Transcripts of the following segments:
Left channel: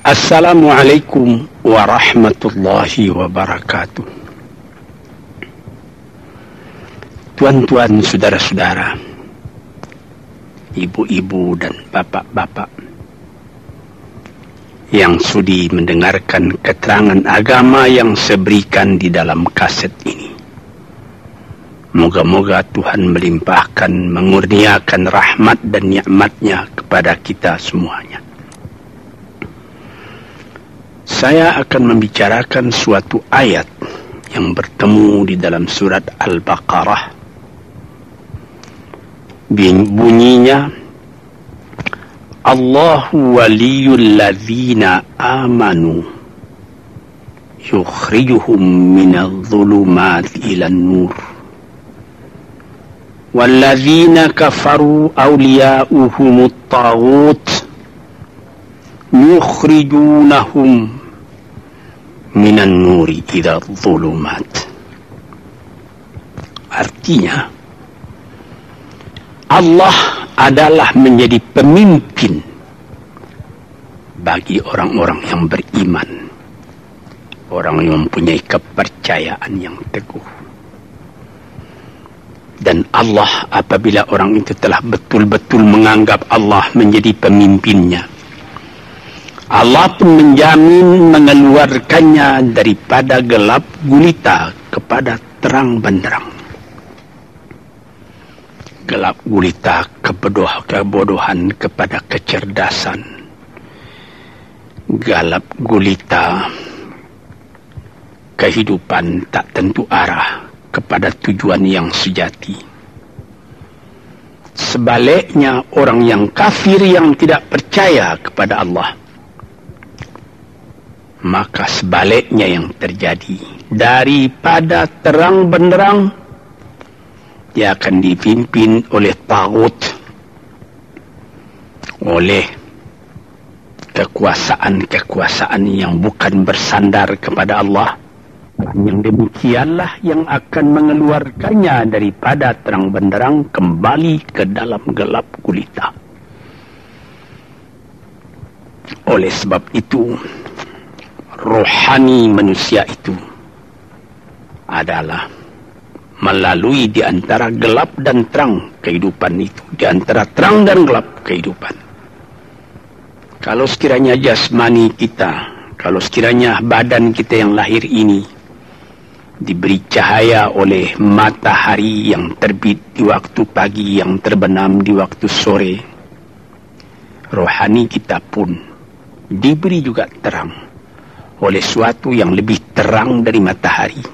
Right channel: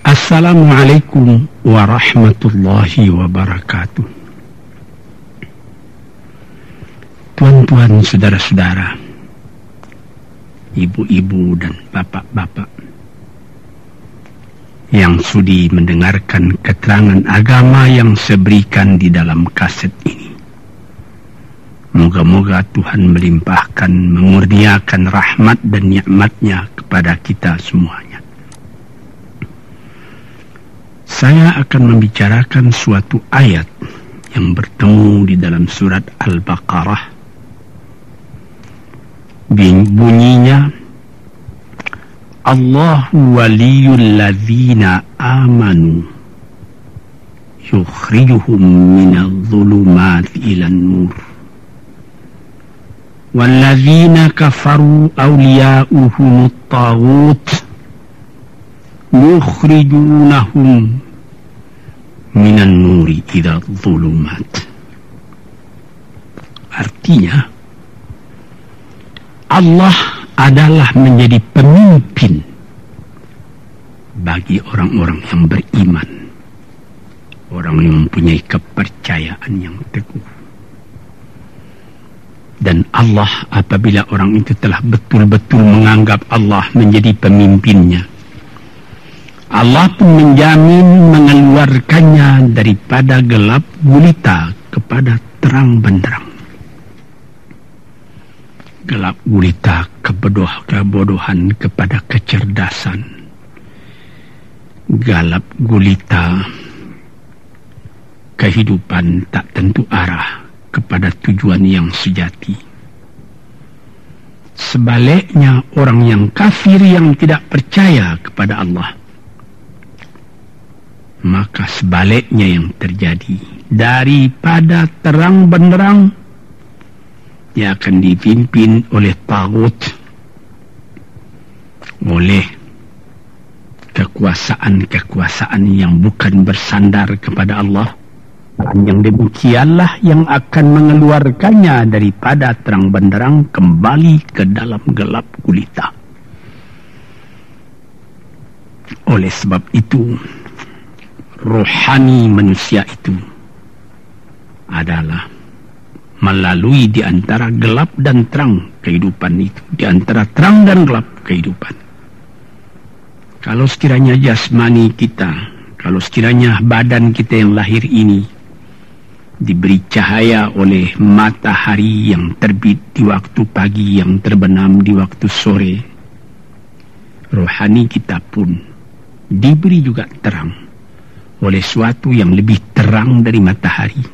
Assalamualaikum warahmatullahi wabarakatuh. Tuan-tuan, saudara-saudara, ibu-ibu dan bapak-bapak yang sudi mendengarkan keterangan agama yang saya berikan di dalam kaset ini. Moga-moga Tuhan melimpahkan, mengurniakan rahmat dan nikmat-Nya kepada kita semuanya. Saya akan membicarakan suatu ayat yang bertemu di dalam surat Al-Baqarah. Bunyinya, Allahu waliyul ladzina amanu yukhrijuhum minadh dhulumati ilan nur walladzina kafaru awliya'uhumut taghut yukhrijunahum minan nuri ila dhulumat. Artinya, Allah adalah menjadi pemimpin bagi orang-orang yang beriman, orang yang mempunyai kepercayaan yang teguh. Dan Allah, apabila orang itu telah betul-betul menganggap Allah menjadi pemimpinnya, Allah pun menjamin mengeluarkannya daripada gelap gulita kepada terang benderang. Gelap gulita kebodohan kepada kecerdasan. Gelap gulita kehidupan tak tentu arah kepada tujuan yang sejati. Sebaliknya, orang yang kafir yang tidak percaya kepada Allah, maka sebaliknya yang terjadi, daripada terang benderang dia akan dipimpin oleh taghut, oleh kekuasaan-kekuasaan yang bukan bersandar kepada Allah. Dan yang demikianlah yang akan mengeluarkannya daripada terang benderang kembali ke dalam gelap gulita. Oleh sebab itu, rohani manusia itu adalah melalui di antara gelap dan terang kehidupan itu, di antara terang dan gelap kehidupan. Kalau sekiranya jasmani kita, kalau sekiranya badan kita yang lahir ini diberi cahaya oleh matahari yang terbit di waktu pagi, yang terbenam di waktu sore, rohani kita pun diberi juga terang oleh suatu yang lebih terang dari matahari,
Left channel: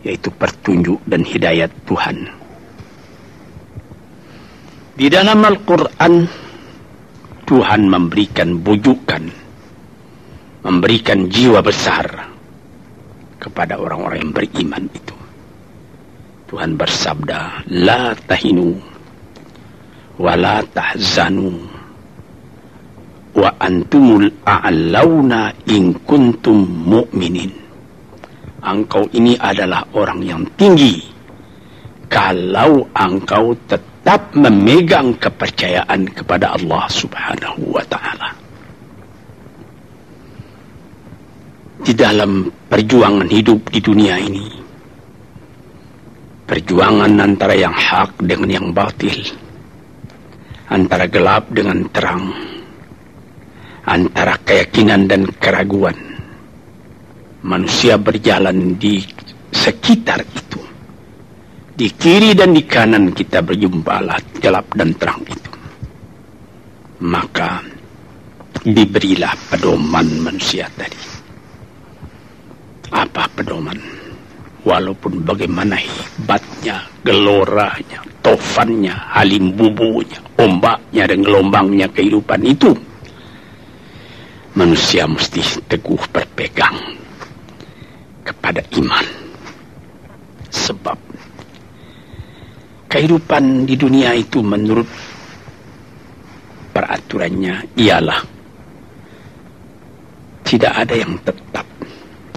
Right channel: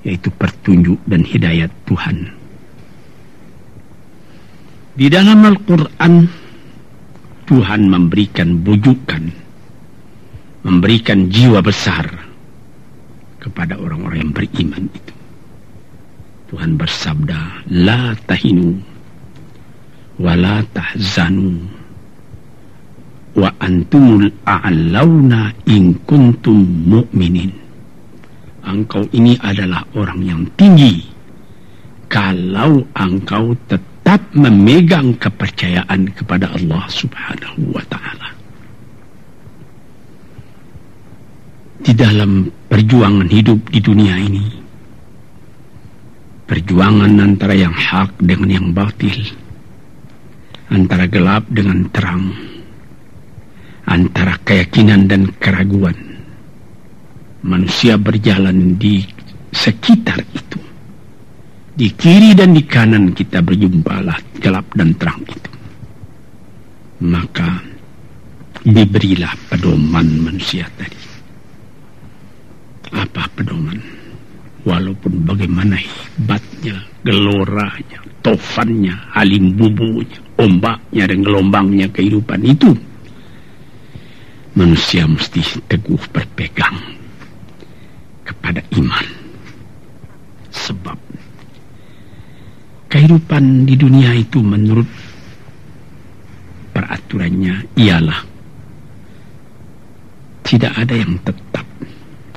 yaitu petunjuk dan hidayat Tuhan. Di dalam Al-Quran, Tuhan memberikan bujukan, memberikan jiwa besar kepada orang-orang yang beriman itu. Tuhan bersabda, La tahinu wa la tahzanu wa antumul a'launa in kuntum mu'minin. Engkau ini adalah orang yang tinggi kalau engkau tetap memegang kepercayaan kepada Allah Subhanahu wa ta'ala. Di dalam perjuangan hidup di dunia ini, perjuangan antara yang hak dengan yang batil, antara gelap dengan terang, antara keyakinan dan keraguan, manusia berjalan di sekitar itu. Di kiri dan di kanan kita berjumpalah gelap dan terang itu. Maka diberilah pedoman manusia tadi. Apa pedoman? Walaupun bagaimana hebatnya, geloranya, tofannya, halim bubunya, ombaknya dan gelombangnya kehidupan itu, manusia mesti teguh berpegang kepada iman. Sebab kehidupan di dunia itu menurut peraturannya ialah tidak ada yang tetap.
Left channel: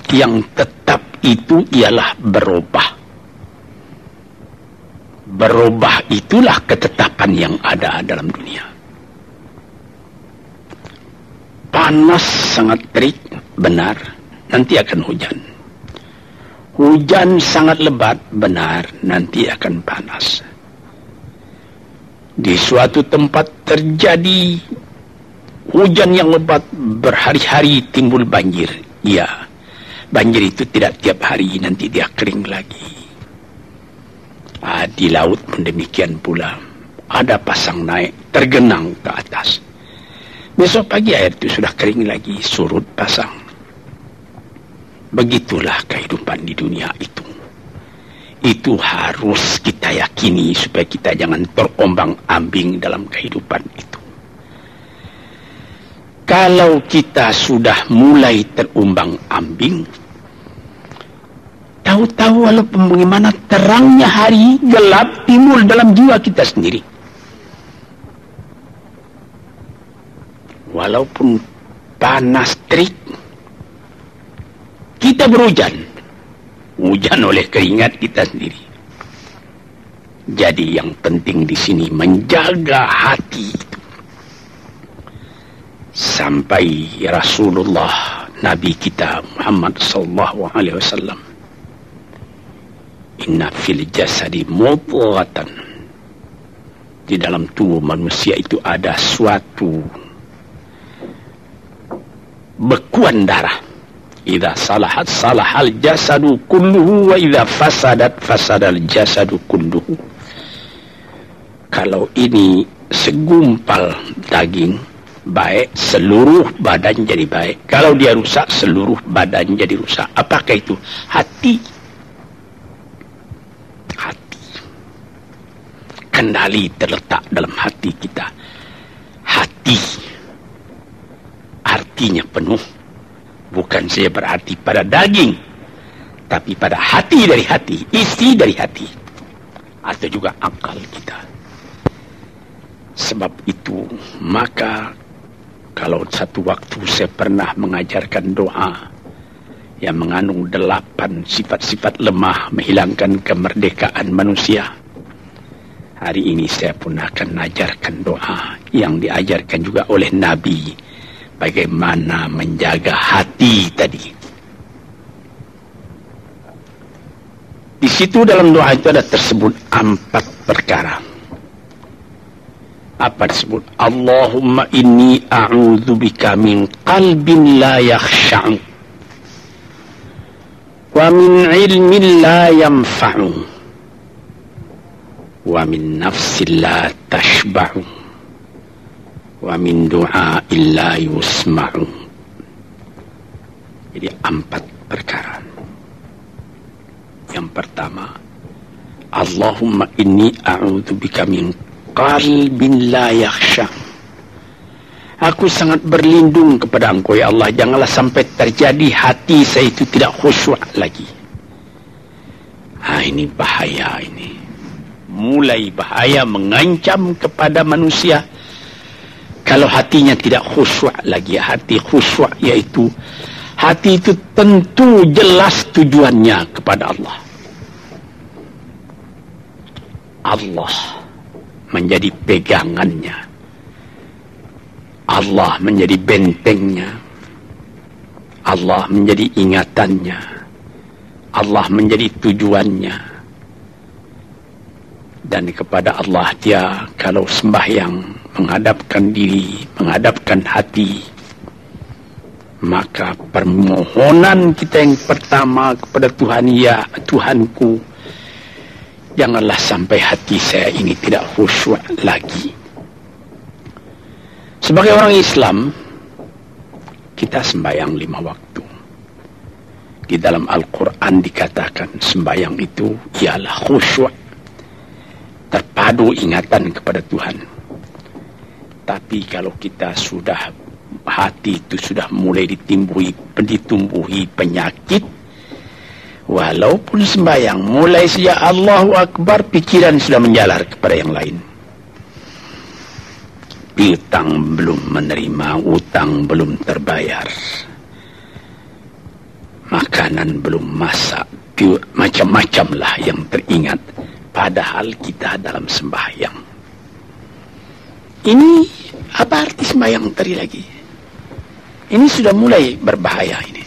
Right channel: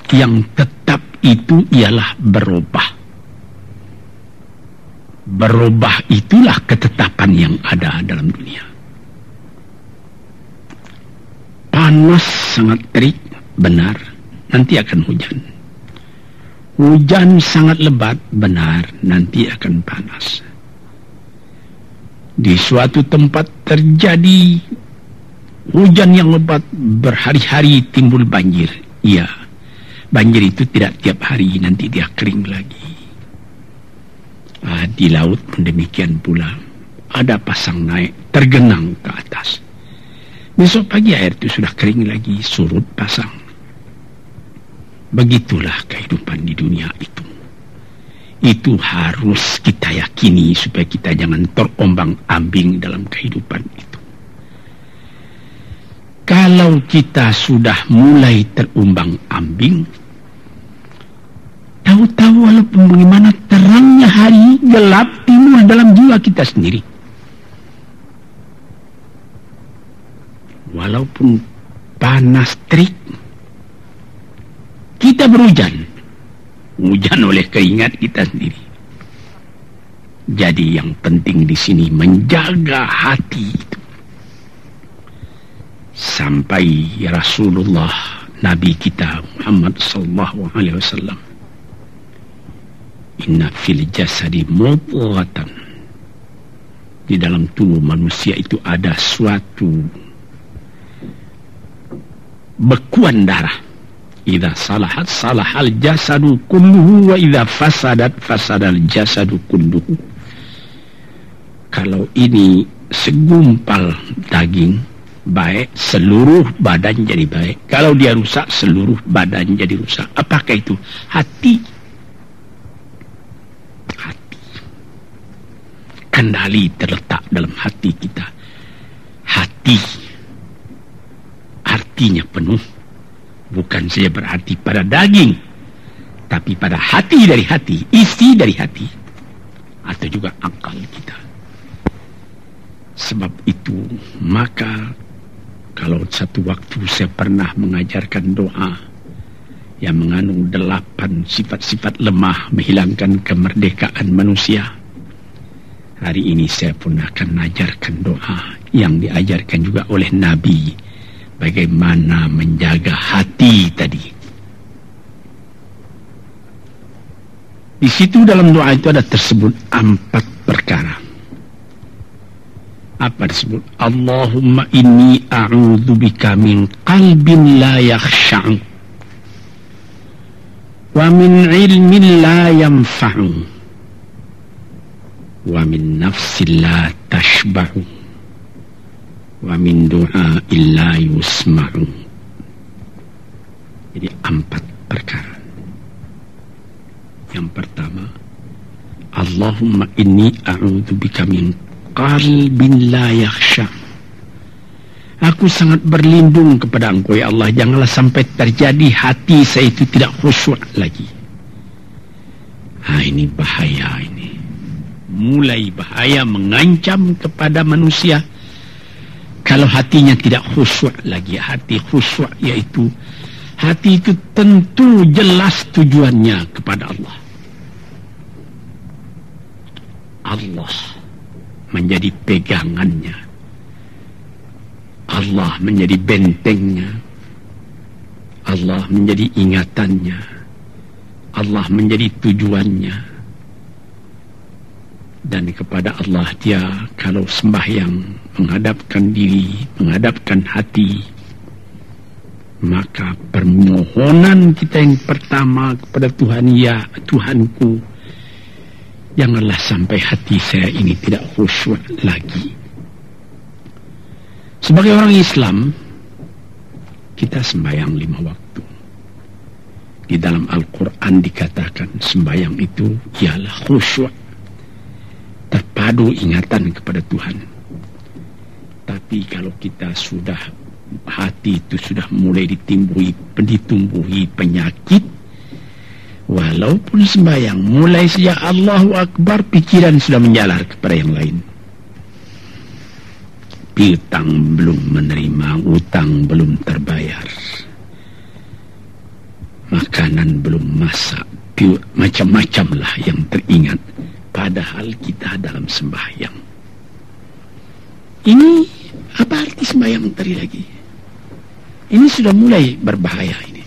Yang tetap itu ialah berubah. Berubah itulah ketetapan yang ada dalam dunia. panas sangat terik, benar, nanti akan hujan. Hujan sangat lebat, benar, nanti akan panas. Di suatu tempat terjadi hujan yang lebat, berhari-hari timbul banjir. Iya, banjir itu tidak tiap hari, nanti dia kering lagi. Di laut pun demikian pula. Ada pasang naik, tergenang ke atas. Besok pagi air itu sudah kering lagi, surut pasang. Begitulah kehidupan di dunia itu. Itu harus kita yakini supaya kita jangan terombang-ambing dalam kehidupan itu. Kalau kita sudah mulai terombang-ambing, tahu-tahu walaupun bagaimana terangnya hari, gelap timbul dalam jiwa kita sendiri. Walaupun panas terik, kita berhujan. Hujan oleh keringat kita sendiri. Jadi yang penting di sini menjaga hati itu. Sampai Rasulullah Nabi kita Muhammad sallallahu alaihi wasallam, inna fil jasadi mudghatan, di dalam tubuh manusia itu ada suatu bekuan darah. Idza salahat salahal jasadu kulluhu wa idza fasadat fasadal jasadu kulluhu. Kalau ini segumpal daging baik, seluruh badan jadi baik. Kalau dia rusak, seluruh badan jadi rusak. Apakah itu? Hati. Hati. Kendali terletak dalam hati kita. Hati artinya penuh. Bukan saja berarti pada daging, tapi pada hati dari hati, isi dari hati, atau juga akal kita. Sebab itu, maka kalau satu waktu saya pernah mengajarkan doa yang mengandung 8 sifat-sifat lemah menghilangkan kemerdekaan manusia. Hari ini saya pun akan mengajarkan doa yang diajarkan juga oleh Nabi. Bagaimana menjaga hati tadi. Di situ dalam doa itu ada tersebut 4 perkara. Apa tersebut? Allahumma inni a'udzubika min qalbin la yakhsha'u wa min ilmin la yanfa'u wa min nafsin la tashba'u wa min du'a illa yusma'u. Jadi 4 perkara. Yang pertama, Allahumma inni a'udzubika min qalbin la yakhsha. Aku sangat berlindung kepada Engkau ya Allah, janganlah sampai terjadi hati saya itu tidak khusyuk lagi. Ini bahaya ini. Mulai bahaya, mengancam kepada manusia. Kalau hatinya tidak khusyuk lagi. Hati khusyuk yaitu hati itu tentu jelas tujuannya kepada Allah. Allah menjadi pegangannya. Allah menjadi bentengnya. Allah menjadi ingatannya. Allah menjadi tujuannya. Dan kepada Allah dia kalau sembahyang menghadapkan diri, menghadapkan hati, maka permohonan kita yang pertama kepada Tuhan, ya Tuhanku, janganlah sampai hati saya ini tidak khusyuk lagi. Sebagai orang Islam, kita sembahyang 5 waktu. Di dalam Al-Quran dikatakan sembahyang itu ialah khusyuk, terpadu ingatan kepada Tuhan. Tapi kalau kita sudah, hati itu sudah mulai ditumbuhi penyakit, walaupun sembahyang, mulai sejak Allahu Akbar, pikiran sudah menjalar kepada yang lain. Piutang belum menerima, utang belum terbayar, makanan belum masak, macam-macam lah yang teringat. Padahal kita dalam sembahyang. Ini apa arti sembahyang tadi lagi? Ini sudah mulai berbahaya ini.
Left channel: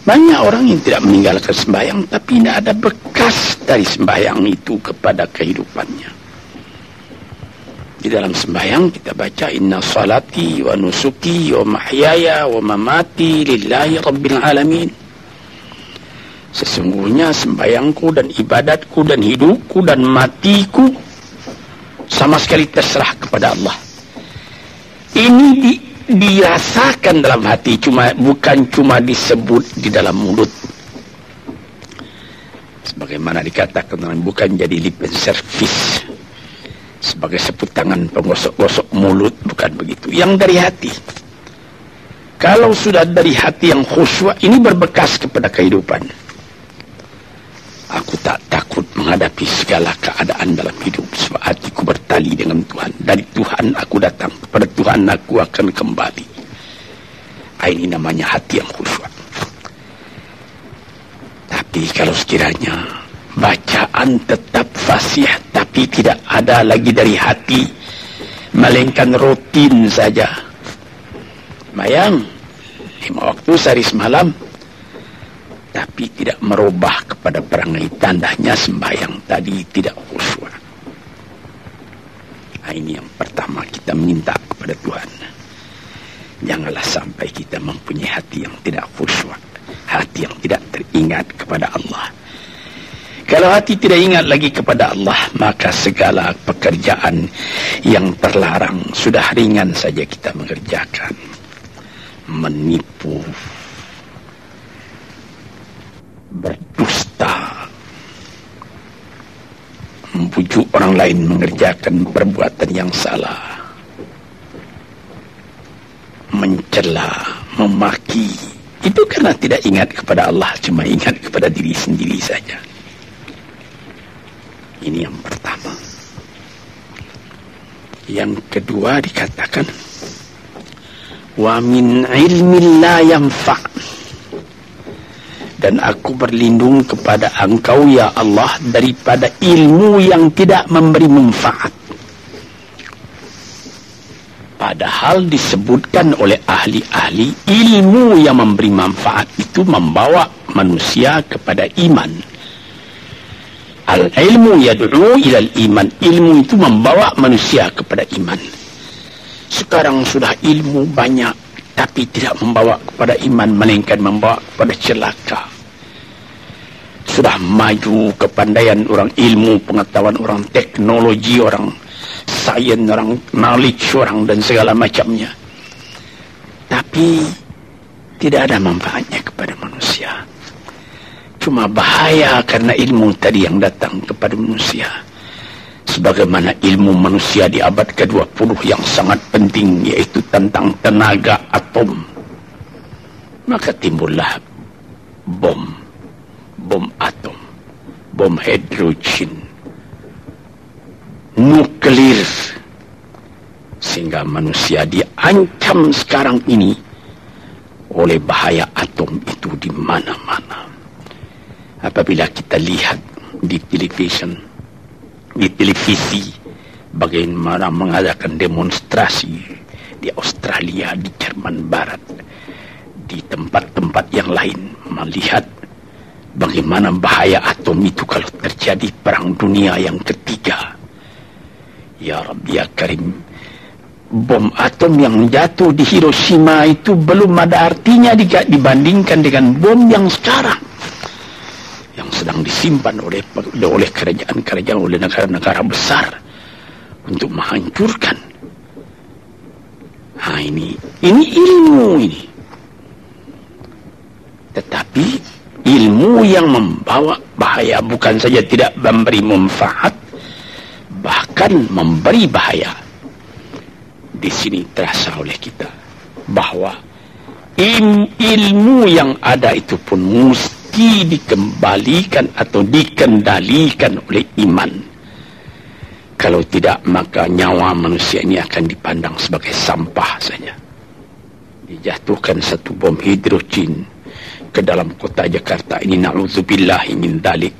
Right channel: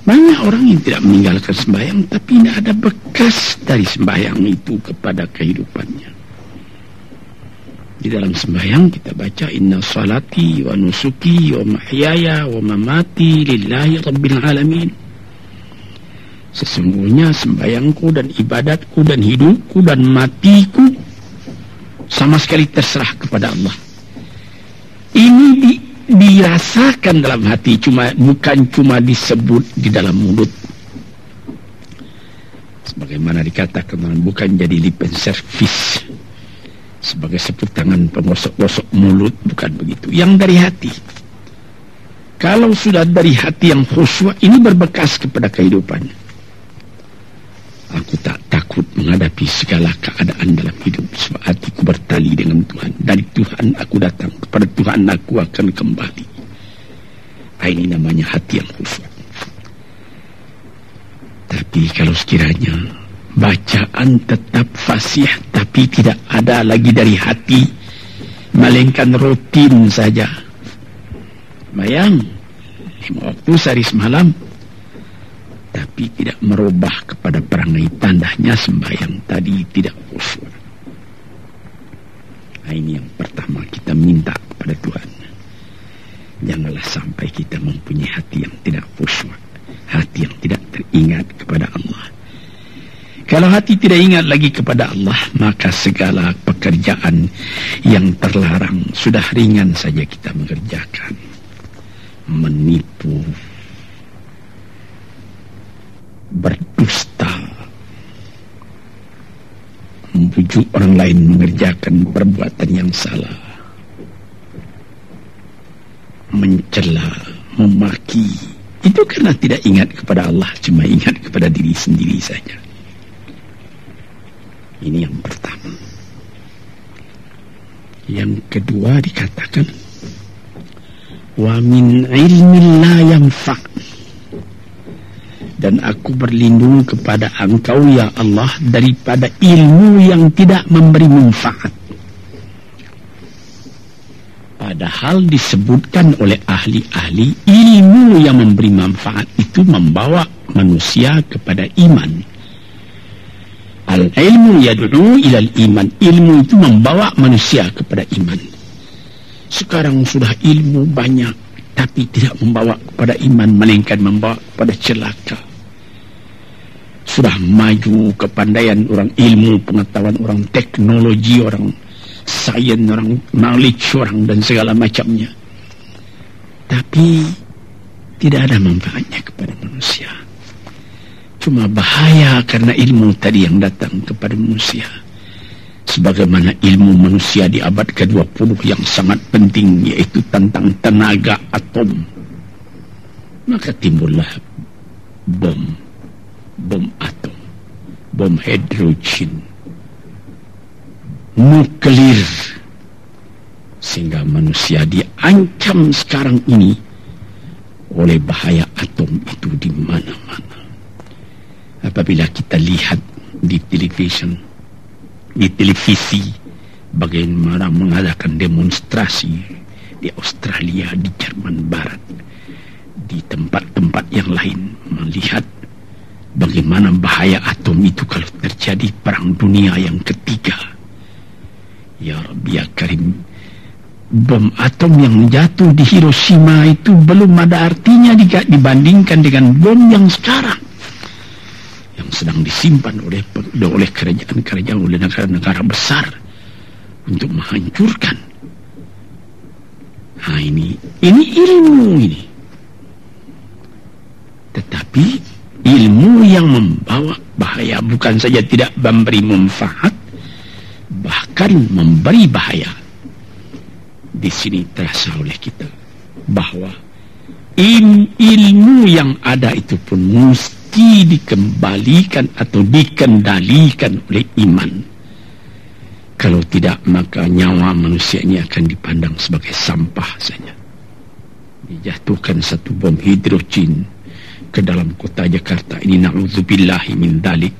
Banyak orang yang tidak meninggalkan sembahyang, tapi tidak ada bekas dari sembahyang itu kepada kehidupannya. Di dalam sembahyang kita baca, inna salati wa nusuki wa mahyaya wa mamati lillahi rabbil alamin. Sesungguhnya sembahyangku dan ibadatku dan hidupku dan matiku sama sekali terserah kepada Allah. Ini dirasakan dalam hati, bukan cuma disebut di dalam mulut. Sebagaimana dikatakan, bukan jadi lip and service sebagai seput tangan penggosok-gosok mulut, bukan begitu. Yang dari hati. Kalau sudah dari hati yang khusyuk, ini berbekas kepada kehidupan. Aku tak takut menghadapi segala keadaan dalam hidup, sebab hatiku bertali dengan Tuhan. Dari Tuhan aku datang, kepada Tuhan aku akan kembali. Ini namanya hati yang khusyuk. Tapi kalau sekiranya bacaan tetap fasih, tapi tidak ada lagi dari hati, melainkan rutin saja. Sembahyang 5 waktu sehari semalam, tapi tidak merubah kepada perangai, tandanya sembahyang tadi tidak khusyuk. Ini yang pertama kita minta kepada Tuhan. Janganlah sampai kita mempunyai hati yang tidak khusyuk, hati yang tidak teringat kepada Allah. Kalau hati tidak ingat lagi kepada Allah, maka segala pekerjaan yang terlarang sudah ringan saja kita mengerjakan. Menipu, berdusta, membujuk orang lain mengerjakan perbuatan yang salah, mencela, memaki, itu karena tidak ingat kepada Allah, cuma ingat kepada diri sendiri saja. Ini yang pertama. Yang kedua dikatakan, wa min ilmin la yanfa'. Dan aku berlindung kepada Engkau ya Allah daripada ilmu yang tidak memberi manfaat. Padahal disebutkan oleh ahli-ahli, ilmu yang memberi manfaat itu membawa manusia kepada iman. Al-ilmu yad'u ilal iman. Ilmu itu membawa manusia kepada iman. Sekarang sudah ilmu banyak, tapi tidak membawa kepada iman, melainkan membawa kepada celaka. Sudah maju kepandaian orang, ilmu pengetahuan orang, teknologi orang, sains orang, knowledge orang, dan segala macamnya. Tapi tidak ada manfaatnya kepada manusia. Cuma bahaya karena ilmu tadi yang datang kepada manusia. Sebagaimana ilmu manusia di abad ke-20 yang sangat penting, yaitu tentang tenaga atom. Maka timbullah bom atom, bom hidrogen, nuklir, sehingga manusia diancam sekarang ini oleh bahaya atom itu di mana-mana. Apabila kita lihat di televisi bagaimana mengadakan demonstrasi di Australia, di Jerman Barat, di tempat-tempat yang lain, melihat bagaimana bahaya atom itu kalau terjadi perang dunia yang ketiga. Ya Rabbi ya Karim, bom atom yang jatuh di Hiroshima itu belum ada artinya dibandingkan dengan bom yang sekarang, yang sedang disimpan oleh kerajaan-kerajaan, oleh negara-negara besar untuk menghancurkan. Ini ilmu ini. Tetapi ilmu yang membawa bahaya, bukan saja tidak memberi manfaat, bahkan memberi bahaya. Di sini terasa oleh kita bahwa ilmu yang ada itu pun mesti dikembalikan atau dikendalikan oleh iman. Kalau tidak, maka nyawa manusia ini akan dipandang sebagai sampah saja. Dijatuhkan satu bom hidrogen ke dalam kota Jakarta ini, na'udzubillahi min dalik,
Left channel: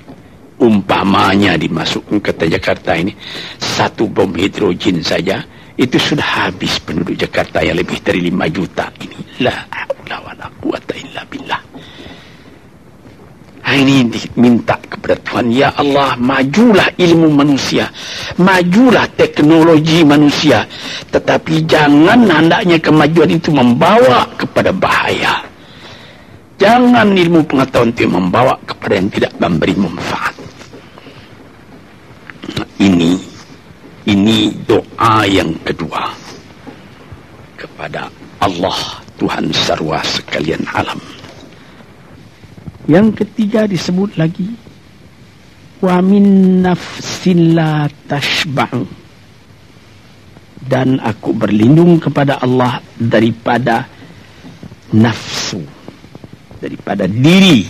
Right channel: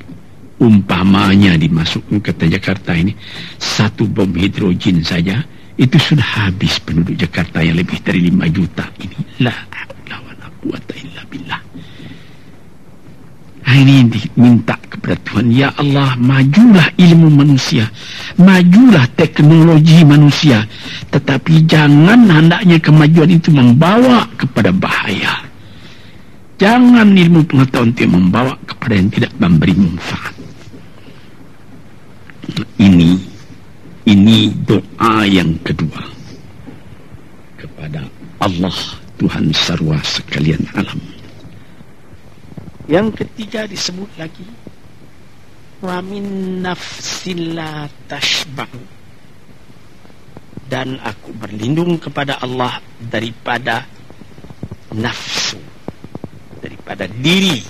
umpamanya dimasukkan ke kota Jakarta ini, satu bom hidrogen saja itu sudah habis penduduk Jakarta yang lebih dari 5 juta ini. La haula wala quwata illa billah. Ini minta kepada Tuhan, ya Allah, majulah ilmu manusia, majulah teknologi manusia, tetapi jangan hendaknya kemajuan itu membawa kepada bahaya. Jangan ilmu pengetahuan itu membawa kepada yang tidak memberi manfaat. Ini doa yang kedua kepada Allah, Tuhan sarwa sekalian alam. Yang ketiga disebut lagi, wa min nafsin la tashba'u, dan aku berlindung kepada Allah daripada nafsu, daripada diri,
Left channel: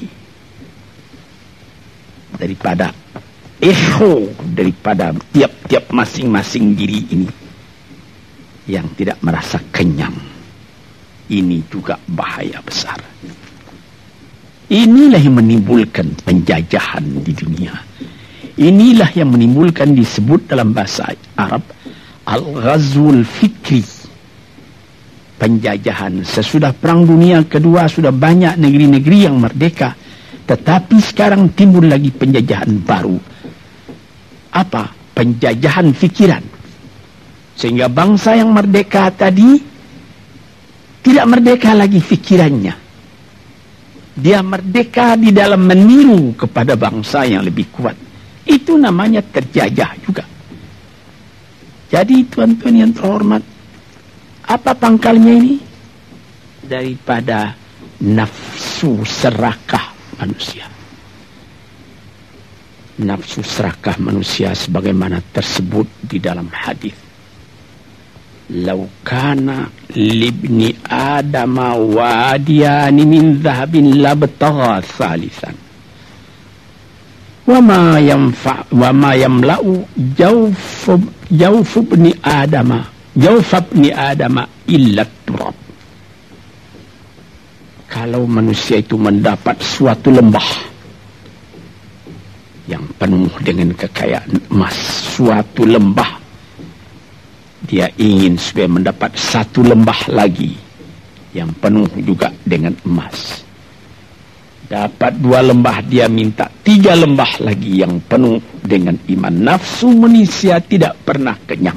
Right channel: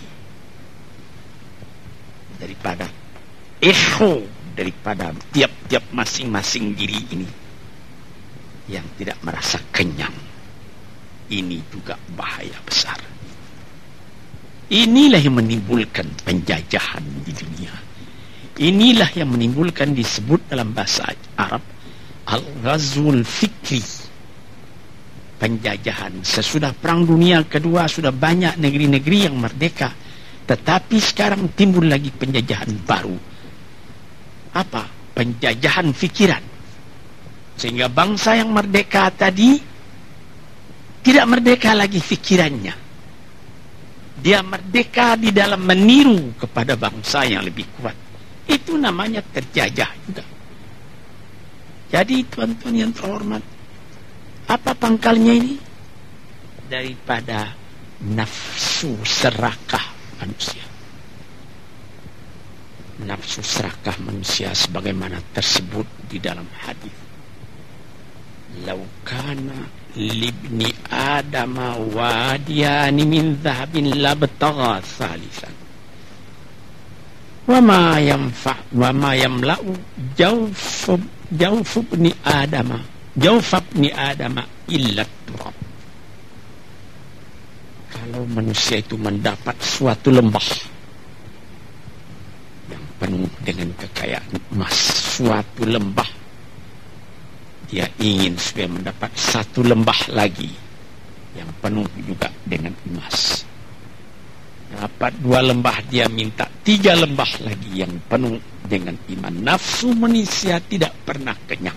daripada ego, daripada tiap-tiap masing-masing diri ini yang tidak merasa kenyang. Ini juga bahaya besar. Inilah yang menimbulkan penjajahan di dunia. Inilah yang menimbulkan, disebut dalam bahasa Arab, al-ghazwul fikri, penjajahan. Sesudah Perang Dunia Kedua sudah banyak negeri-negeri yang merdeka, tetapi sekarang timbul lagi penjajahan baru. Apa? Penjajahan fikiran. Sehingga bangsa yang merdeka tadi tidak merdeka lagi fikirannya. Dia merdeka di dalam meniru kepada bangsa yang lebih kuat. Itu namanya terjajah juga. Jadi tuan-tuan yang terhormat, apa pangkalnya ini? Daripada nafsu serakah manusia. Nafsu serakah manusia sebagaimana tersebut di dalam hadis. Lau kana libni adama wadiyani min dhahabin labtagha thalithan wa ma yamla'u jawf ibni adama illa turab. Kalau manusia itu mendapat suatu lembah yang penuh dengan kekayaan emas, suatu lembah, dia ingin supaya mendapat satu lembah lagi yang penuh juga dengan emas. Dapat 2 lembah, dia minta 3 lembah lagi yang penuh dengan iman. Nafsu manusia tidak pernah kenyang.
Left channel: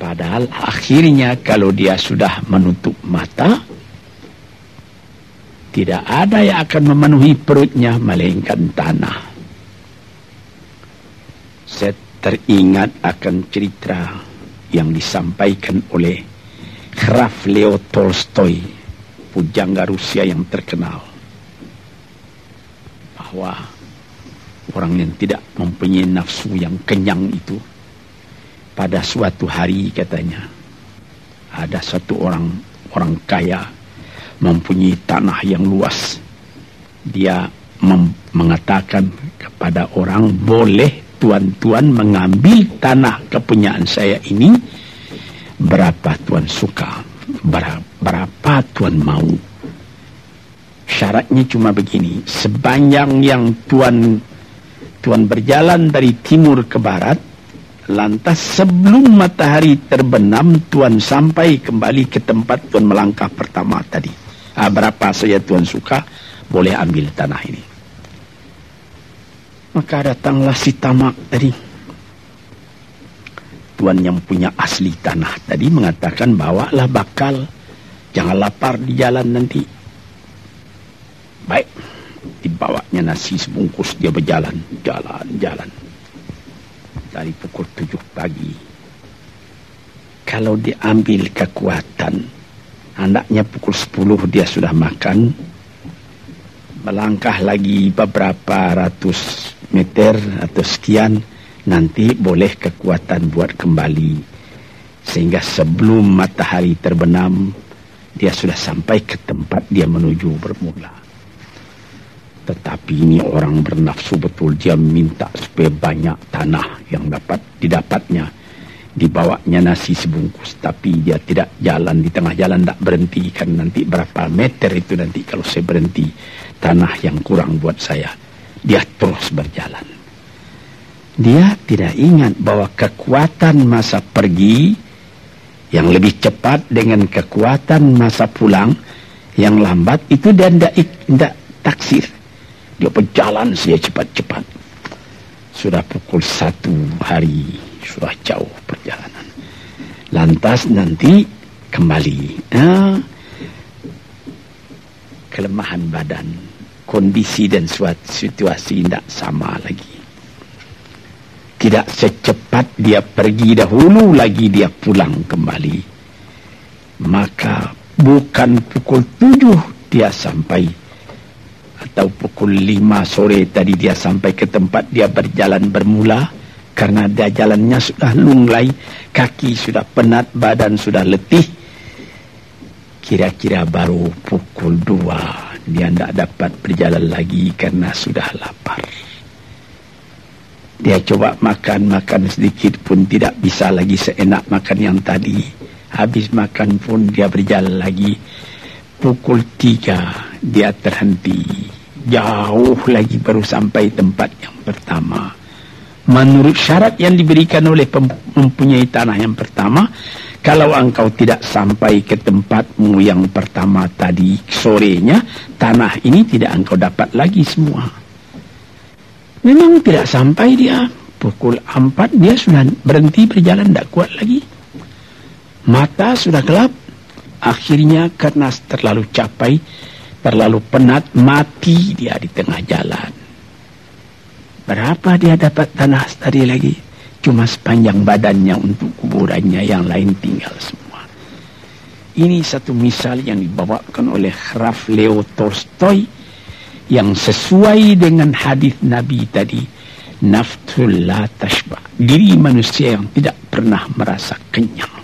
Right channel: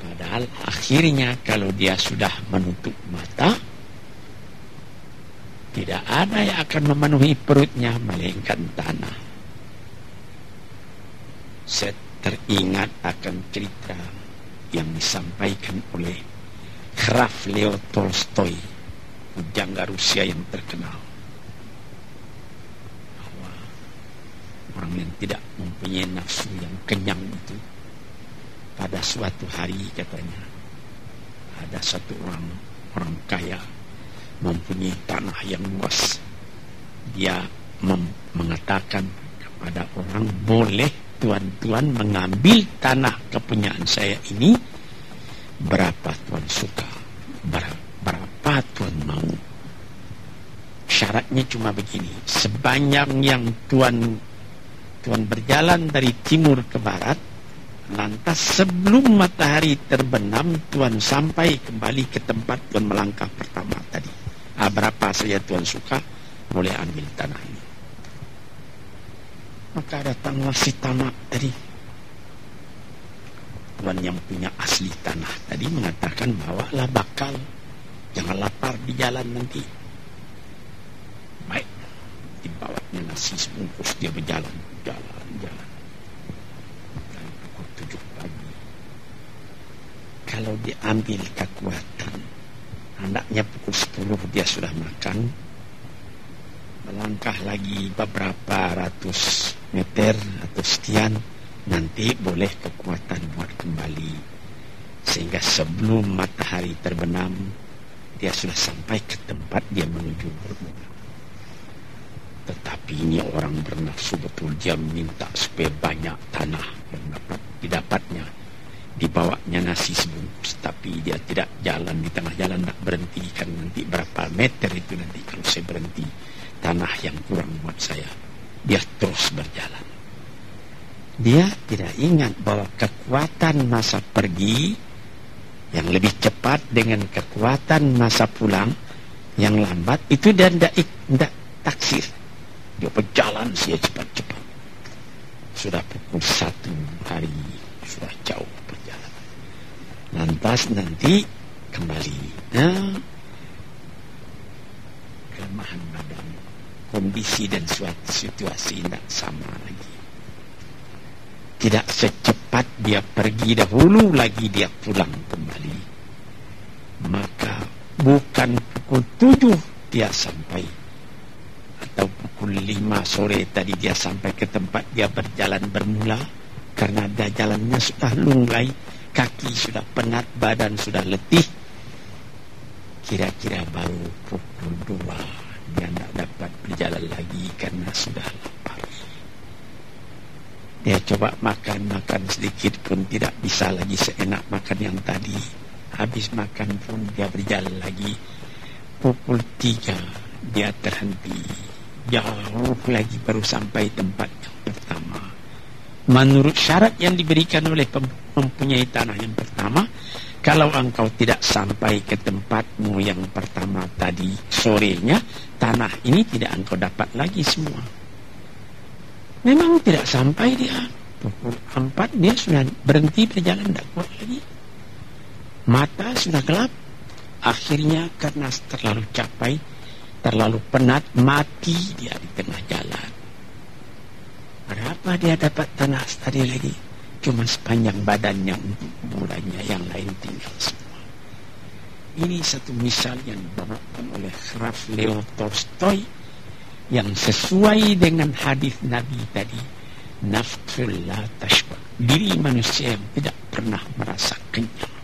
Padahal akhirnya kalau dia sudah menutup mata, tidak ada yang akan memenuhi perutnya melainkan tanah. Teringat akan cerita yang disampaikan oleh Graf Leo Tolstoy, pujangga Rusia yang terkenal, bahwa orang yang tidak mempunyai nafsu yang kenyang itu, pada suatu hari katanya, ada satu orang kaya mempunyai tanah yang luas. Dia mengatakan kepada orang, boleh tuan-tuan mengambil tanah kepunyaan saya ini, berapa tuan suka, berapa tuan mau. Syaratnya cuma begini, sepanjang yang tuan berjalan dari timur ke barat, lantas sebelum matahari terbenam tuan sampai kembali ke tempat tuan melangkah pertama tadi. Berapa saja tuan suka, boleh ambil tanah ini. Maka datanglah si tamak tadi. Tuan yang punya asli tanah tadi mengatakan, bawalah bakal, jangan lapar di jalan nanti. Baik, dibawanya nasi sebungkus, dia berjalan, jalan. Dari pukul 7 pagi. Kalau diambil kekuatan, hendaknya pukul 10 dia sudah makan. Melangkah lagi beberapa ratus meter atau sekian, nanti boleh kekuatan buat kembali, sehingga sebelum matahari terbenam dia sudah sampai ke tempat dia menuju bermula. Tetapi ini orang bernafsu betul, dia minta supaya banyak tanah yang dapat didapatnya. Dibawanya nasi sebungkus, tapi dia tidak jalan di tengah jalan, tak berhenti, karena nanti berapa meter itu nanti kalau saya berhenti, tanah yang kurang buat saya. Dia terus berjalan. Dia tidak ingat bahwa kekuatan masa pergi yang lebih cepat dengan kekuatan masa pulang yang lambat itu dia tidak taksir. Dia berjalan saja cepat-cepat. Sudah pukul 1 hari, sudah jauh perjalanan. Lantas nanti kembali. Kelemahan badan, kondisi dan suatu situasi tidak sama lagi. Tidak secepat dia pergi dahulu lagi dia pulang kembali. Maka bukan pukul 7 dia sampai, atau pukul 5 sore tadi dia sampai ke tempat dia berjalan bermula, karena dia jalannya sudah lunglai, kaki sudah penat, badan sudah letih. Kira-kira baru pukul 2 dia tidak dapat berjalan lagi karena sudah lapar. Dia coba makan sedikit pun tidak bisa lagi seenak makan yang tadi. Habis makan pun dia berjalan lagi. Pukul 3 dia terhenti. Jauh lagi baru sampai tempat yang pertama. Menurut syarat yang diberikan oleh mempunyai tanah yang pertama, kalau engkau tidak sampai ke tempatmu yang pertama tadi sorenya, tanah ini tidak engkau dapat lagi semua. Memang tidak sampai dia. Pukul 4 dia sudah berhenti berjalan, tidak kuat lagi. Mata sudah gelap. Akhirnya karena terlalu capek, terlalu penat, mati dia di tengah jalan. Berapa dia dapat tanah tadi lagi? Cuma sepanjang badannya untuk kuburannya, yang lain tinggal semua. Ini satu misal yang dibawakan oleh Graf Leo Tolstoy, yang sesuai dengan hadis Nabi tadi, nafsul la tashba, diri manusia yang tidak pernah merasa kenyang.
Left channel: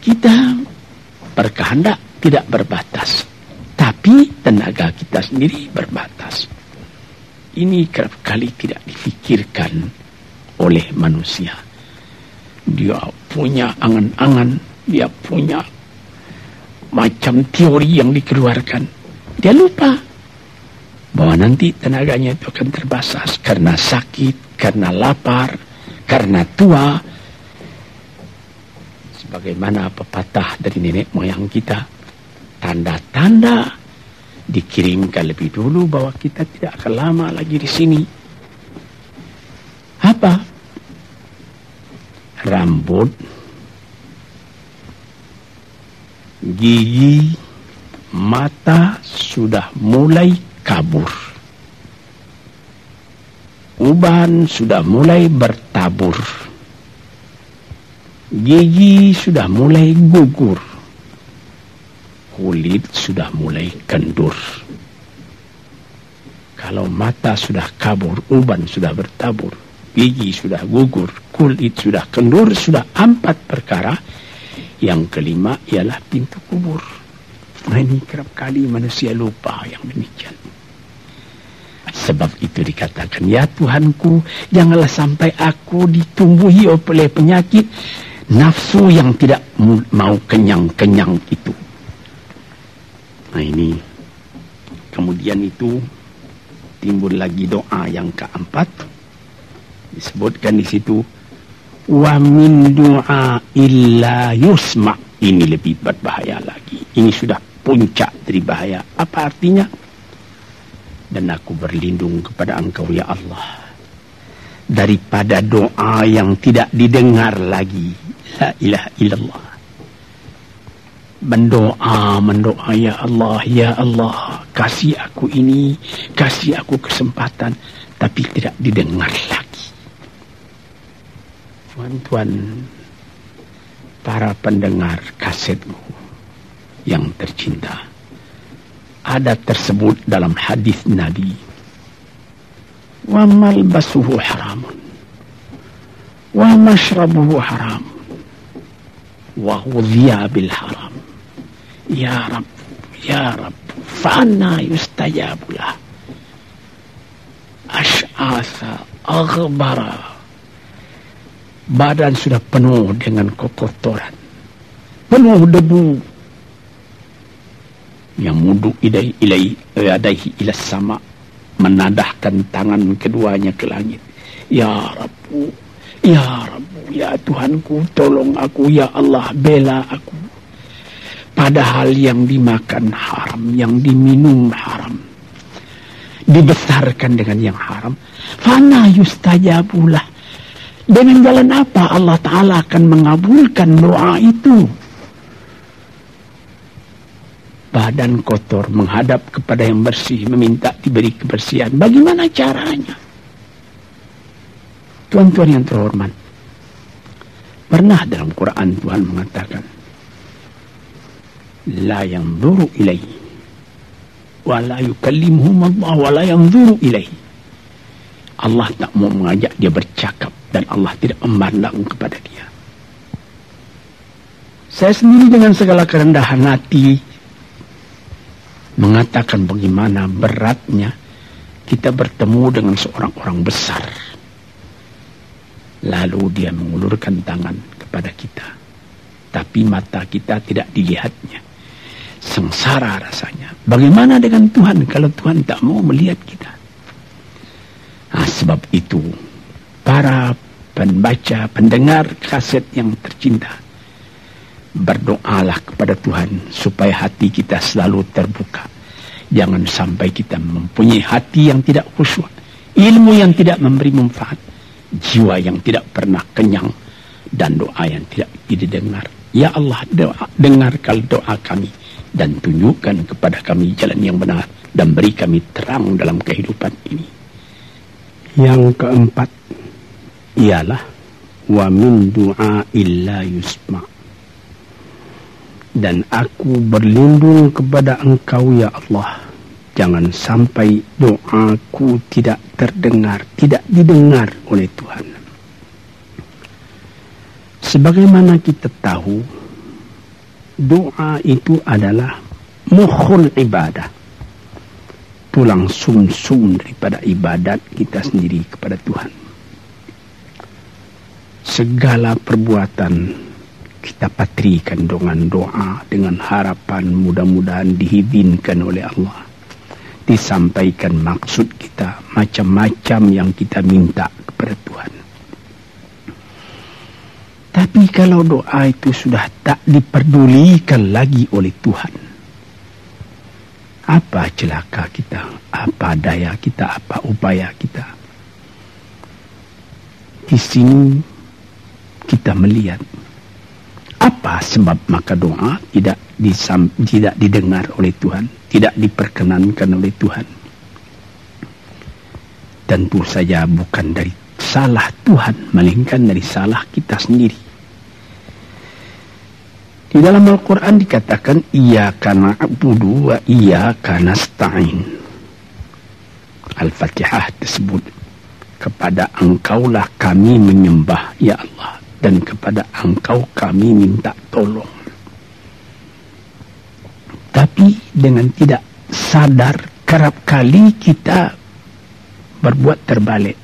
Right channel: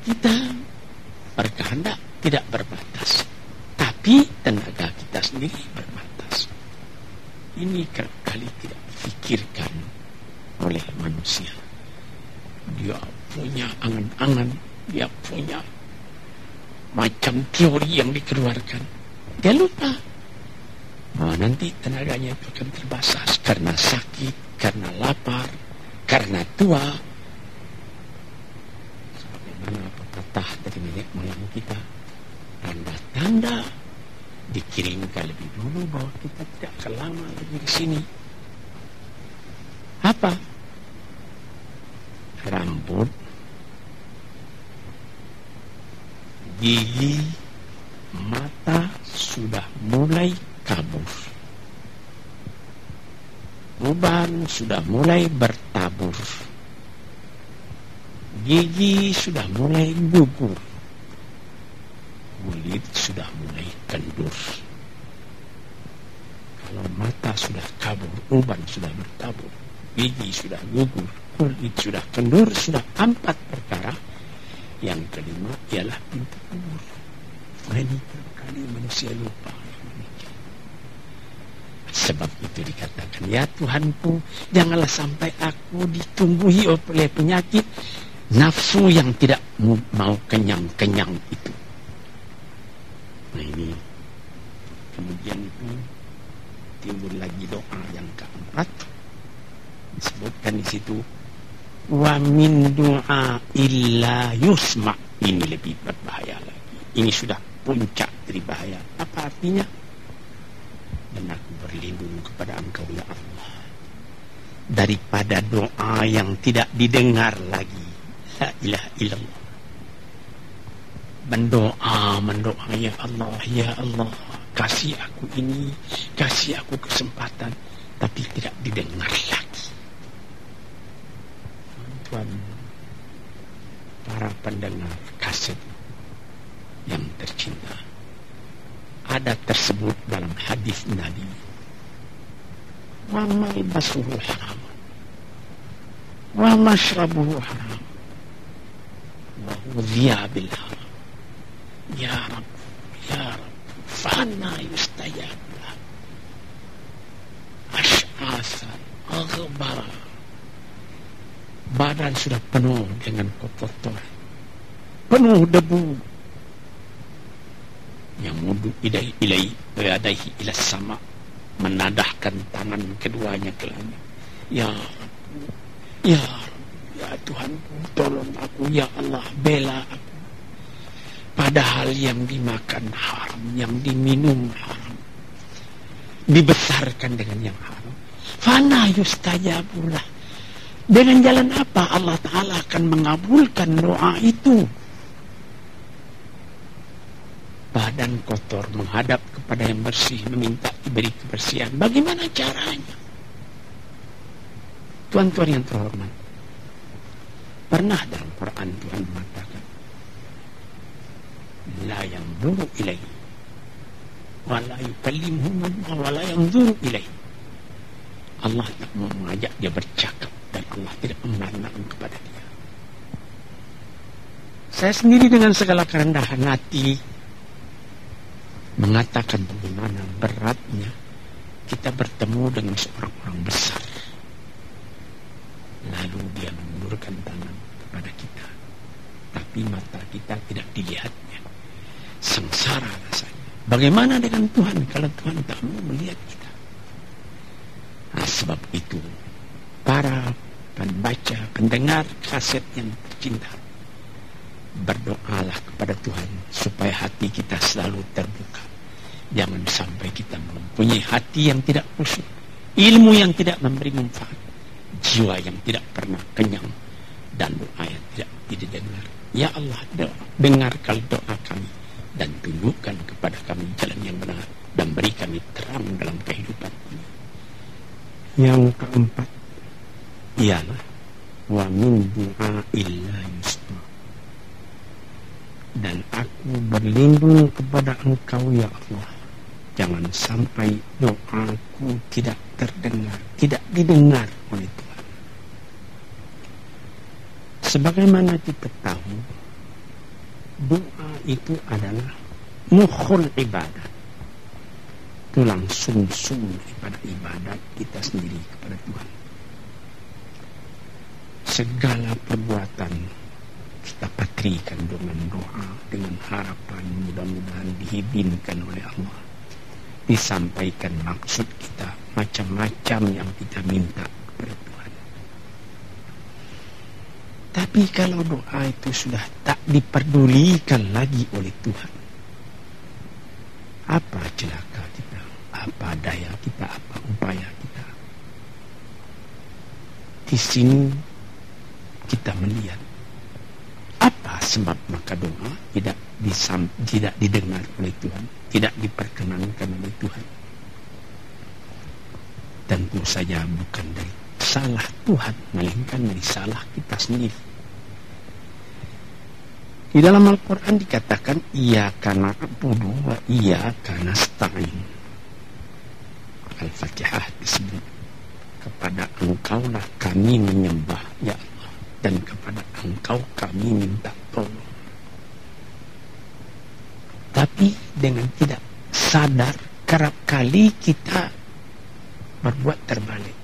Kita berkehendak tidak berbatas, tapi tenaga kita sendiri berbatas. Ini kerap kali tidak difikirkan oleh manusia. Dia punya angan-angan, dia punya macam teori yang dikeluarkan. Dia lupa bahwa nanti tenaganya itu akan terbatas karena sakit, karena lapar, karena tua. Sebagaimana pepatah dari nenek moyang kita, tanda-tanda dikirimkan lebih dulu bahwa kita tidak akan lama lagi di sini. Apa? Rambut, gigi, mata sudah mulai kabur. Uban sudah mulai bertabur. Gigi sudah mulai gugur. Kulit sudah mulai kendur. Kalau mata sudah kabur, uban sudah bertabur, gigi sudah gugur, kulit sudah kendur, sudah 4 perkara. Yang kelima ialah pintu kubur. Nah, ini kerap kali manusia lupa yang demikian. Sebab itu dikatakan, ya Tuhanku, janganlah sampai aku ditumbuhi oleh penyakit nafsu yang tidak mau kenyang-kenyang itu. Nah ini, kemudian itu timbul lagi doa yang keempat. Disebutkan di situ, wa min du'a illa yusma'. Ini lebih berbahaya lagi. Ini sudah puncak dari bahaya. Apa artinya? Dan aku berlindung kepada Engkau ya Allah daripada doa yang tidak didengar lagi. La ilaha illallah. Mendoa ya Allah, kasih aku ini, kasih aku kesempatan, tapi tidak didengar lagi. Tuan-tuan, para pendengar kasetmu yang tercinta, ada tersebut dalam hadis Nabi, wa malbasuhu haramun wa mashrabuhu haramun wa ghudhiya bil haram. Ya Rabb, fa'anna yustajabu lah. Ash'asa aghbara, badan sudah penuh dengan kotoran, penuh debu. Yang mudu ilaihi ila sama, menadahkan tangan keduanya ke langit. Ya Rabbu, ya Rabbu, ya Tuhanku, tolong aku, ya Allah, bela aku. Padahal yang dimakan haram, yang diminum haram, dibesarkan dengan yang haram. Fana yustajabulah. Dengan jalan apa Allah Ta'ala akan mengabulkan doa itu? Badan kotor menghadap kepada yang bersih, meminta diberi kebersihan. Bagaimana caranya? Tuan-tuan yang terhormat, pernah dalam Quran Tuhan mengatakan, la yanzuru ilaihi wa la yukallimuhum Allah wa la yanzuru ilaihi. Allah tak mau mengajak dia bercakap dan Allah tidak memandang kepada dia. Saya sendiri dengan segala kerendahan hati mengatakan bagaimana beratnya kita bertemu dengan seorang orang besar, lalu dia mengulurkan tangan kepada kita, tapi mata kita tidak dilihatnya. Sengsara rasanya. Bagaimana dengan Tuhan kalau Tuhan tak mau melihat kita? Nah, sebab itu para pembaca, pendengar kaset yang tercinta, berdoalah kepada Tuhan supaya hati kita selalu terbuka. Jangan sampai kita mempunyai hati yang tidak khusyuk, ilmu yang tidak memberi manfaat, jiwa yang tidak pernah kenyang, dan doa yang tidak didengar. Ya Allah, dengarkan doa kami dan tunjukkan kepada kami jalan yang benar dan beri kami terang dalam kehidupan ini. Yang keempat ialah wa min du'a illa yusma'. Dan aku berlindung kepada Engkau ya Allah, jangan sampai doaku tidak terdengar, tidak didengar oleh Tuhan. Sebagaimana kita tahu, doa itu adalah mukhul ibadah, tulang sumsum daripada ibadat kita sendiri kepada Tuhan. Segala perbuatan kita patrikan dengan doa, dengan harapan mudah-mudahan diizinkan oleh Allah, disampaikan maksud kita, macam-macam yang kita minta kepada Tuhan. Tapi kalau doa itu sudah tak diperdulikan lagi oleh Tuhan, apa celaka kita, apa daya kita, apa upaya kita? Di sini kita melihat apa sebab maka doa tidak didengar oleh Tuhan, tidak diperkenankan oleh Tuhan. Tentu saja bukan dari salah Tuhan, melainkan dari salah kita sendiri. Di dalam Al-Quran dikatakan, iyyaka na'budu wa iyyaka nasta'in. Al-Fatihah tersebut, kepada Engkaulah kami menyembah ya Allah, dan kepada Engkau kami minta tolong. Tapi dengan tidak sadar, kerap kali kita berbuat terbalik.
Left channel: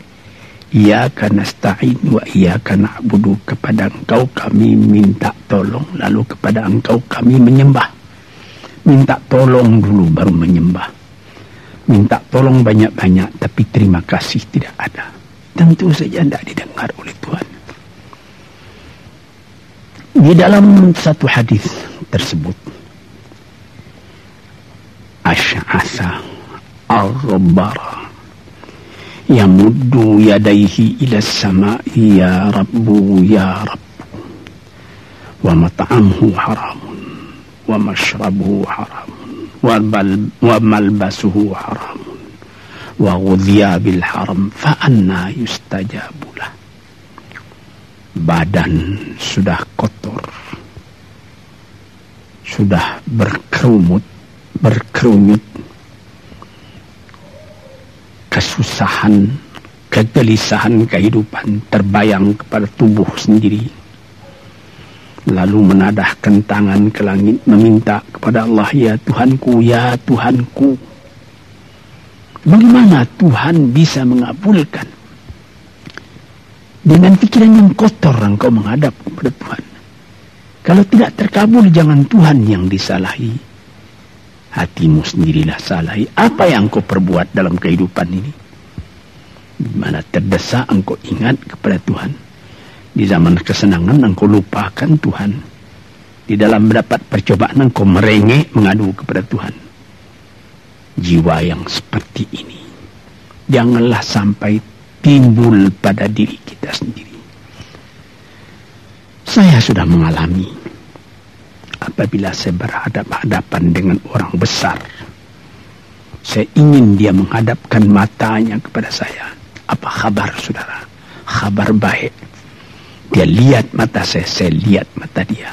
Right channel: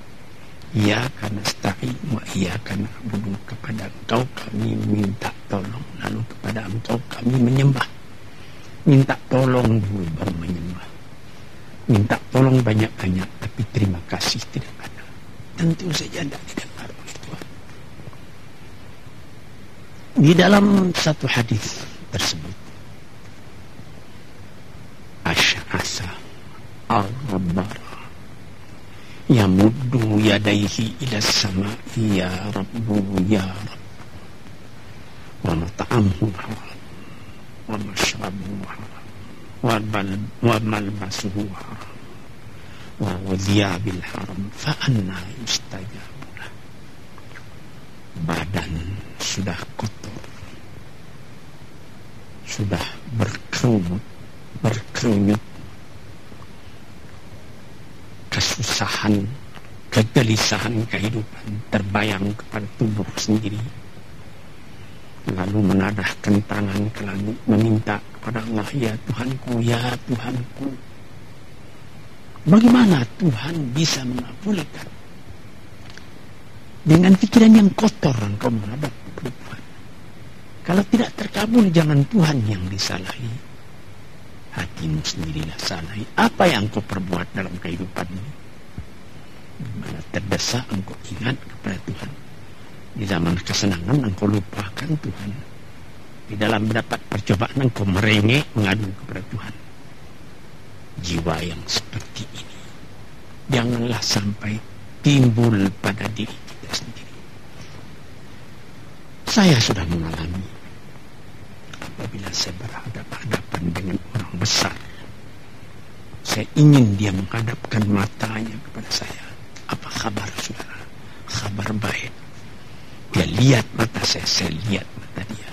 Iyyaka nasta'in wa iyyaka na'budu, kepada Engkau kami minta tolong, lalu kepada Engkau kami menyembah. Minta tolong dulu baru menyembah. Minta tolong banyak-banyak tapi terima kasih tidak ada. Tentu saja tidak didengar oleh Tuhan. Di dalam satu hadis tersebut, Asy'atha ar-rabbara yamuddu yadayhi ila as-sama'i ya rabbu ya rabbu, wa mat'amuhu haramun wa mashrabuhu haramun wa malbasuhu haramun wa ghudhiya bil haram fa anna yustajabu lah. Badan sudah kotor, sudah berkerunyut, kesusahan, kegelisahan kehidupan terbayang kepada tubuh sendiri. Lalu menadahkan tangan ke langit meminta kepada Allah, ya Tuhanku, ya Tuhanku. Bagaimana Tuhan bisa mengabulkan? Dengan pikiran yang kotor engkau menghadap kepada Tuhan. Kalau tidak terkabul, jangan Tuhan yang disalahi. Hatimu sendirilah salah. Apa yang kau perbuat dalam kehidupan ini? Di mana terdesak engkau ingat kepada Tuhan. Di zaman kesenangan engkau lupakan Tuhan. Di dalam mendapat percobaan engkau merengek mengadu kepada Tuhan. Jiwa yang seperti ini janganlah sampai timbul pada diri kita sendiri. Saya sudah mengalami apabila saya berhadapan-hadapan dengan orang besar. Saya ingin dia menghadapkan matanya kepada saya. Apa kabar saudara? Kabar baik. Dia lihat mata saya lihat mata dia.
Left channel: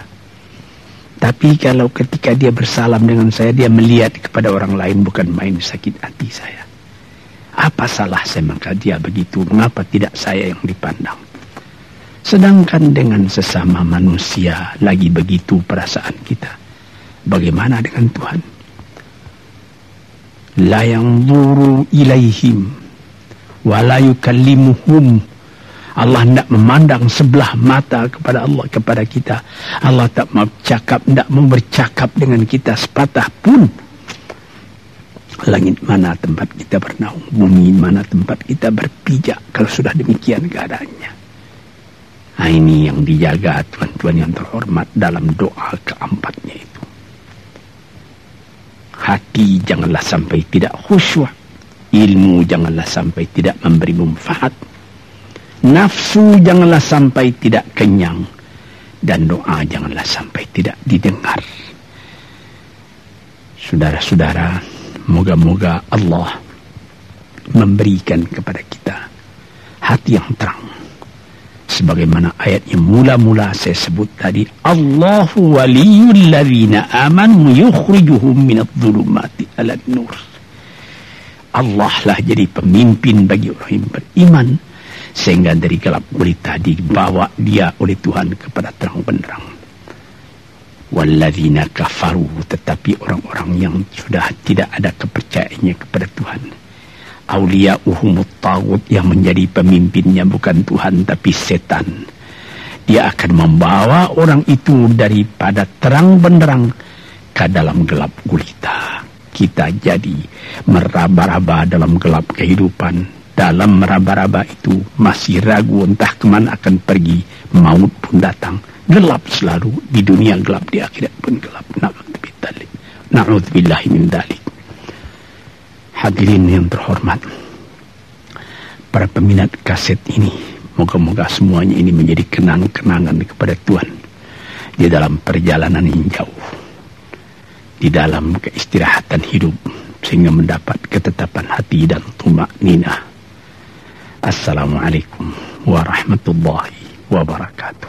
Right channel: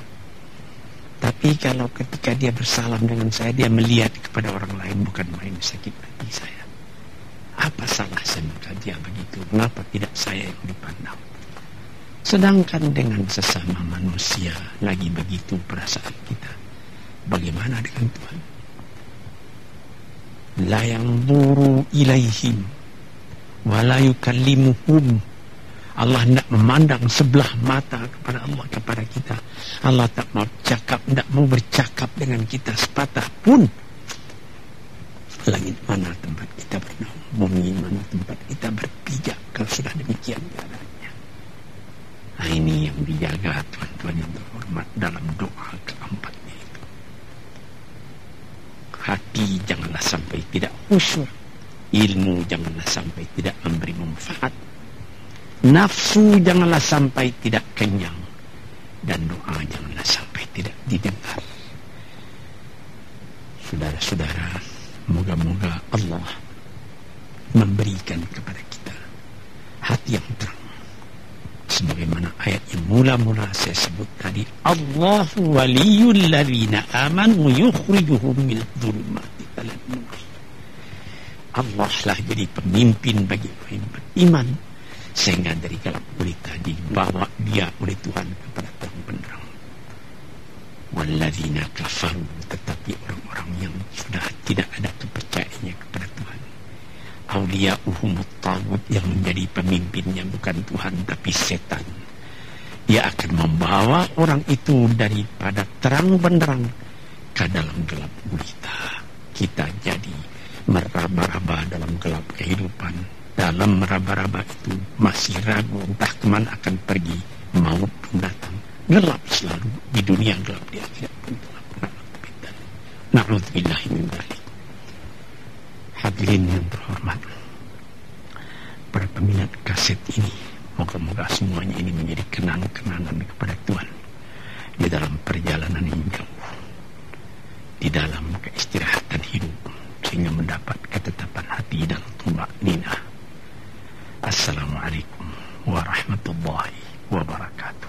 Tapi kalau ketika dia bersalam dengan saya, dia melihat kepada orang lain, bukan main sakit hati saya. Apa salah saya maka dia begitu? Mengapa tidak saya yang dipandang? Sedangkan dengan sesama manusia lagi begitu perasaan kita. Bagaimana dengan Tuhan? La yanzuru ilaihim wa la yukallimuhum. Allah tidak memandang sebelah mata kepada Allah, kepada kita. Allah tak mau cakap, tidak mau bercakap dengan kita sepatah pun. Langit mana tempat kita bernaung, bumi mana tempat kita berpijak kalau sudah demikian keadaannya. Nah, ini yang dijaga tuan-tuan yang terhormat dalam doa keempatnya itu. Hati janganlah sampai tidak khusyuk. Ilmu janganlah sampai tidak memberi manfaat. Nafsu janganlah sampai tidak kenyang. Dan doa janganlah sampai tidak didengar. Saudara-saudara, moga-moga Allah memberikan kepada kita hati yang terang. Sebagaimana ayat yang mula-mula saya sebut tadi. Allahu waliyul ladzina amanu yukhrijuhum minadh-dhulumati ilan nur. Allah lah jadi pemimpin bagi orang yang beriman. Sehingga dari gelap gulita dibawa dia oleh Tuhan kepada terang benderang. Walladzina kafaru, tetapi orang-orang yang sudah tidak ada kepercayaannya kepada Tuhan. Auliya'uhumut taghut, yang menjadi pemimpinnya bukan Tuhan tapi setan. Dia akan membawa orang itu daripada terang benderang ke dalam gelap gulita. Kita jadi meraba-raba dalam gelap kehidupan. Dalam meraba-raba itu masih ragu entah kemana akan pergi. Maut pun datang. Gelap selalu. Di dunia gelap, di akhirat pun gelap. Na'udzubillahi min dzalik. Hadirin yang terhormat, para peminat kaset ini, moga-moga semuanya ini menjadi kenang-kenangan kepada Tuhan di dalam perjalanan yang jauh, di dalam keistirahatan hidup, sehingga mendapat ketetapan hati dan tumakninah. Assalamualaikum warahmatullahi wabarakatuh.